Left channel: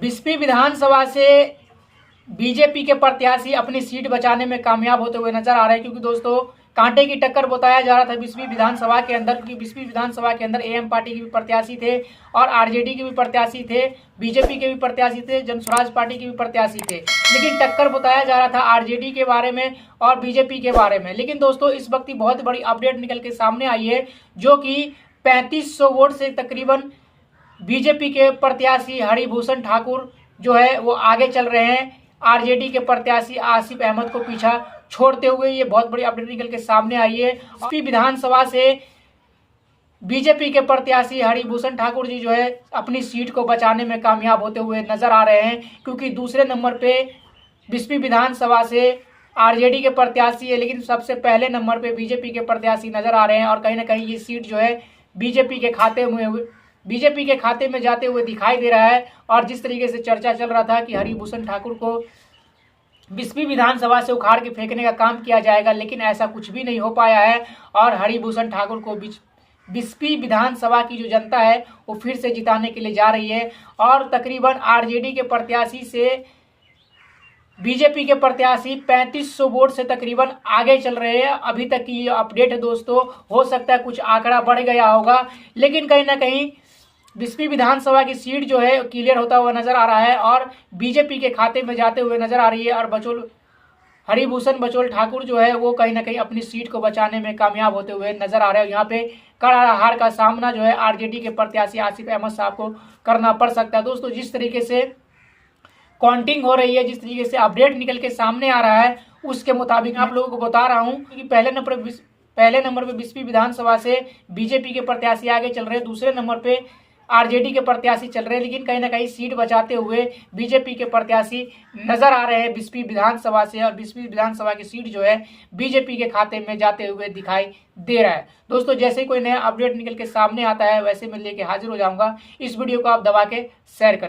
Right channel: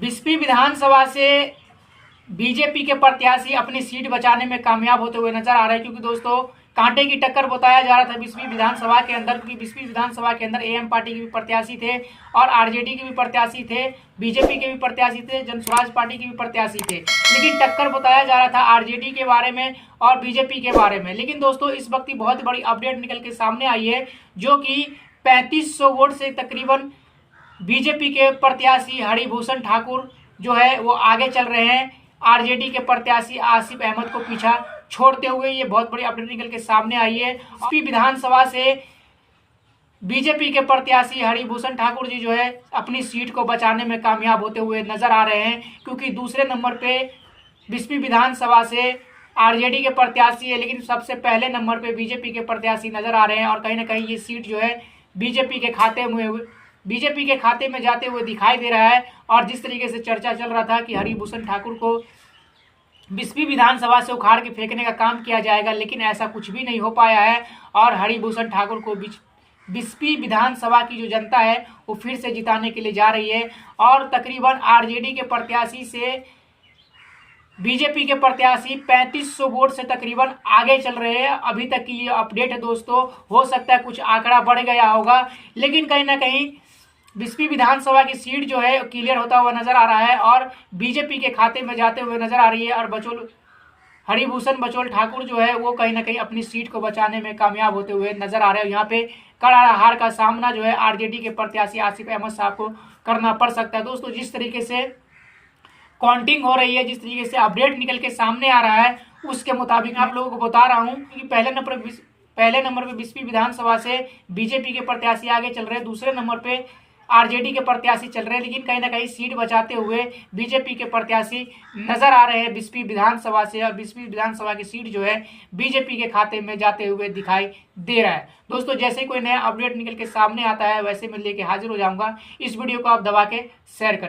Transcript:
बिस्फी विधानसभा से बीजेपी के प्रत्याशी अपनी सीट बचाने में कामयाब होते हुए नजर आ रहे हैं, क्योंकि दोस्तों कांटे की टक्कर बताया जा रहा था बिस्फी विधानसभा के अंदर, क्योंकि बिस्फी विधानसभा के अंदर एएम पार्टी के भी प्रत्याशी थे और आरजेडी के भी प्रत्याशी थे, बीजेपी के भी प्रत्याशी थे, जनस्वराज पार्टी के भी प्रत्याशी थे। लेकिन टक्कर बताया जा रहा था आरजेडी के बारे में और बीजेपी के बारे में। लेकिन दोस्तों इस वक्त बहुत बड़ी अपडेट निकल के सामने आई है, जो कि 3500 वोट से तकरीबन बीजेपी के प्रत्याशी हरिभूषण ठाकुर जो है वो आगे चल रहे हैं, आरजेडी के प्रत्याशी आसिफ अहमद को पीछा छोड़ते हुए। ये बहुत बड़ी अपडेट निकल के सामने आई है। यूपी विधानसभा से बीजेपी के प्रत्याशी हरिभूषण ठाकुर जी जो है अपनी सीट को बचाने में कामयाब होते हुए नजर आ रहे हैं, क्योंकि दूसरे नंबर पे बिस्फी विधानसभा से आरजेडी के प्रत्याशी है, लेकिन सबसे पहले नंबर पे बीजेपी के प्रत्याशी नजर आ रहे हैं। और कहीं ना कहीं ये सीट जो है बीजेपी के खाते में जाते हुए दिखाई दे रहा है। और जिस तरीके से चर्चा चल रहा था कि हरिभूषण ठाकुर को बिस्फी विधानसभा से उखाड़ के फेंकने का काम किया जाएगा, लेकिन ऐसा कुछ भी नहीं हो पाया है। और हरिभूषण ठाकुर को बिस्फी विधानसभा की जो जनता है वो फिर से जिताने के लिए जा रही है। और तकरीबन आरजेडी के प्रत्याशी से बीजेपी के प्रत्याशी 3500 वोट से तकरीबन आगे चल रहे हैं। अभी तक की ये अपडेट है दोस्तों, हो सकता है कुछ आंकड़ा बढ़ गया होगा, लेकिन कहीं ना कहीं बिस्फी विधानसभा की सीट जो है क्लियर होता हुआ नजर आ रहा है और बीजेपी के खाते में जाते हुए नजर आ रही है। और हरिभूषण बचोल ठाकुर जो है वो कहीं ना कहीं अपनी सीट को बचाने में कामयाब होते हुए नजर आ रहे हैं। यहाँ पे कड़ा हार का सामना जो है आरजेडी के प्रत्याशी आसिफ अहमद साहब को करना पड़ सकता है। दोस्तों जिस तरीके से काउंटिंग हो रही है, जिस तरीके से अपडेट निकल के सामने आ रहा है, उसके मुताबिक आप लोगों को बता रहा हूं कि पहले नंबर पे बिस्फी विधानसभा से बीजेपी के प्रत्याशी आगे चल रहे हैं, दूसरे नंबर पे आरजेडी के प्रत्याशी चल रहे हैं, लेकिन कहीं ना कहीं सीट बचाते हुए बीजेपी के प्रत्याशी नजर आ रहे हैं बिस्फी विधानसभा से। और बिस्फी विधानसभा की सीट जो है बीजेपी के खाते में जाते हुए दिखाई दे रहा है। दोस्तों जैसे कोई नया अपडेट निकल के सामने आता है वैसे मैं लेके हाजिर हो जाऊंगा। इस वीडियो को आप दबा के शेयर करें।